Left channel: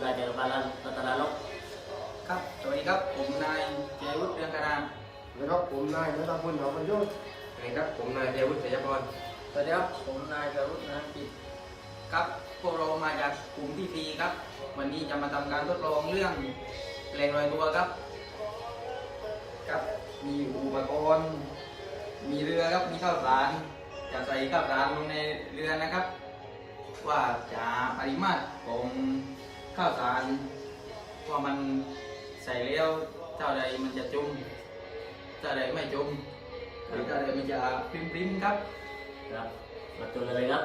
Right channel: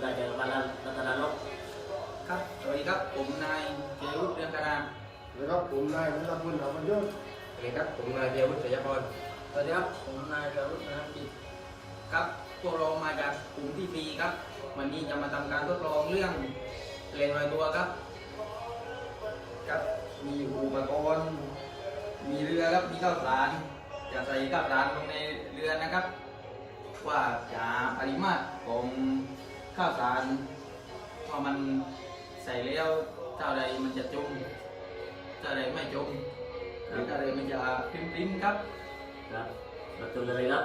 นายจักรพันธ์รัตนานกครับสวัสดีครับผมนายเจรุตเรืองการามสวัสดีครับผมนายนัทพลดาวประยุทธ์สวัสดีครับผมนายเดียวุฒิชัยพรสวัสดีครับผมนายเจรุตนะจิตครับพวกเรามาจากกลุ่มที่ปีครับ วันนี้จะมาทำการทดลองเรื่องแรงลอยตัวครับ ครับมีอุปกรณ์มีเรือครับมีข้าวสารจะใส่ข้าวสารลงในเรือนะครับ ว่าจะปริมาตรของ ข้าวสารว่ามันใส่แล้วเท่าใดมันจะจมเท่าใดไม่จมหรือเท่าใดมันจะพริ้มๆครับครับประตูเลยครับ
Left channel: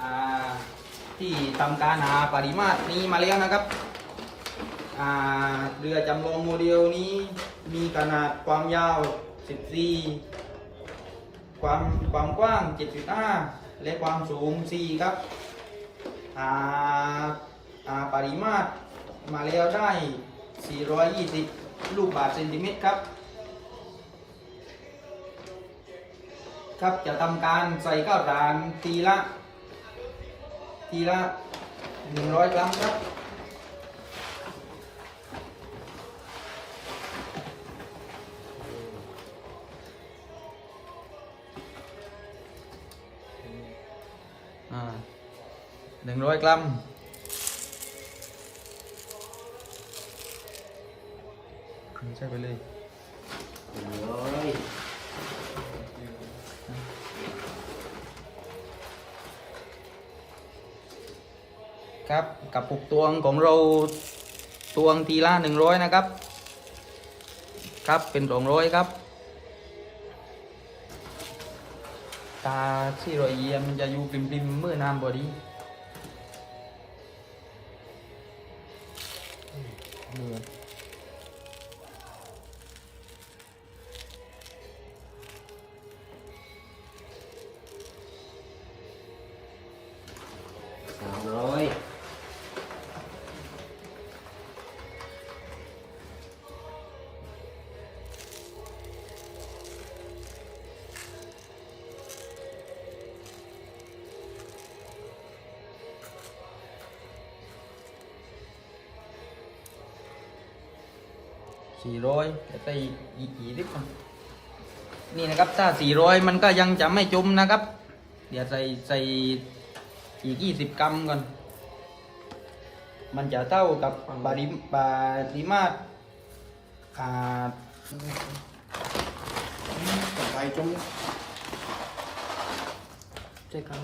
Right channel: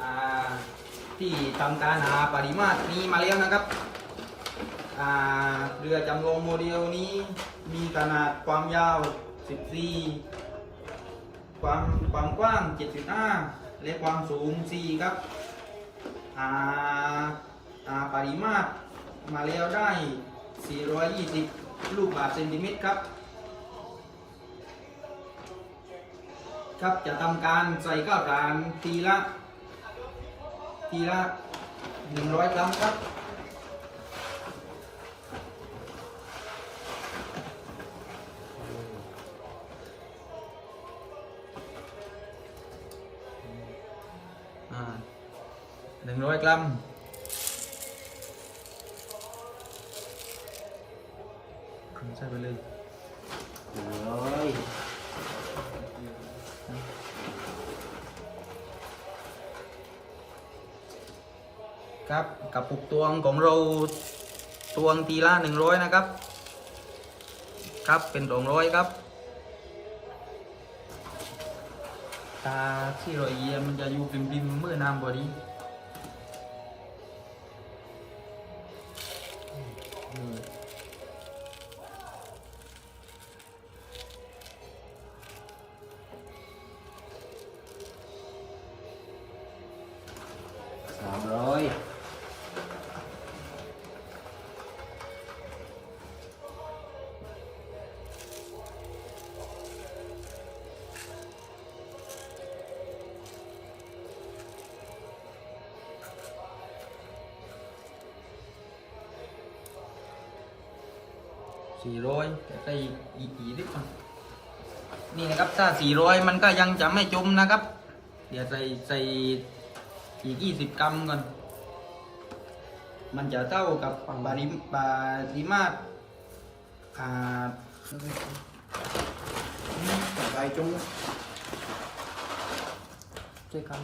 อ่าที่ทำการหาปริมาตรนี้มาแล้วนะครับอ่าเรือจำลองโมเดลนี้มีขนาดความยาว 14 ความความกว้าง 75 และความสูง 4 ครับอ่าอ่า ปริมาตรมาแล้วได้ 420 ลูกบาศก์เซนติเมตรครับ ครับจะทำการใส่ข้าวสารทีละ ทีละหนึ่งร้อยกรัมครับ หนึ่งร้อยกรัมใช่ไปเลยร้อยครับกับปุกตวงของเราตวงทีละหนึ่งร้อยนะครับ ครับเป็นสองร้อยครับตาที่รอยเยี่ยมจะอยู่ปิมปิมๆเมื่อน้ำบอดี สามร้อย สี่ร้อยจะใส่อีกกี่ลิตรนี่นะครับถ้าสี่ร้อยมันก็ยังจะไม่จมนะครับ เดี๋ยวใส่ใส่อีกยี่สิบกรัมก่อนมันจะเท่ากับปริมปริมาตรอ่าใส่จงใช่ครับ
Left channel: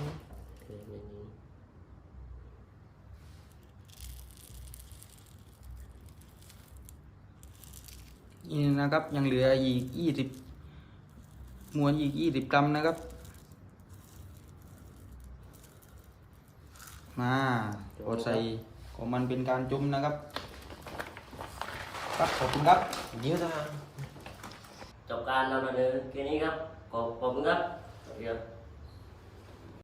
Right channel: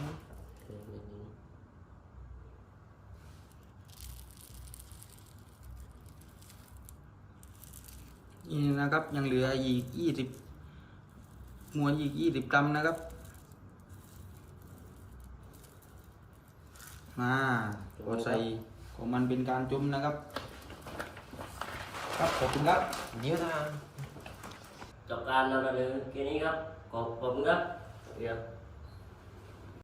นี่นะครับ ยังเหลืออีกยี่สิบมวลอีกยี่สิบกรัมนะครับ มาโอใส่ของมันเป็นการจุ่มนะครับ ครับขอบคุณครับเดี๋ยวนะจบการนำเสนอแค่นี้ครับขอบคุณครับสวัสดีครับ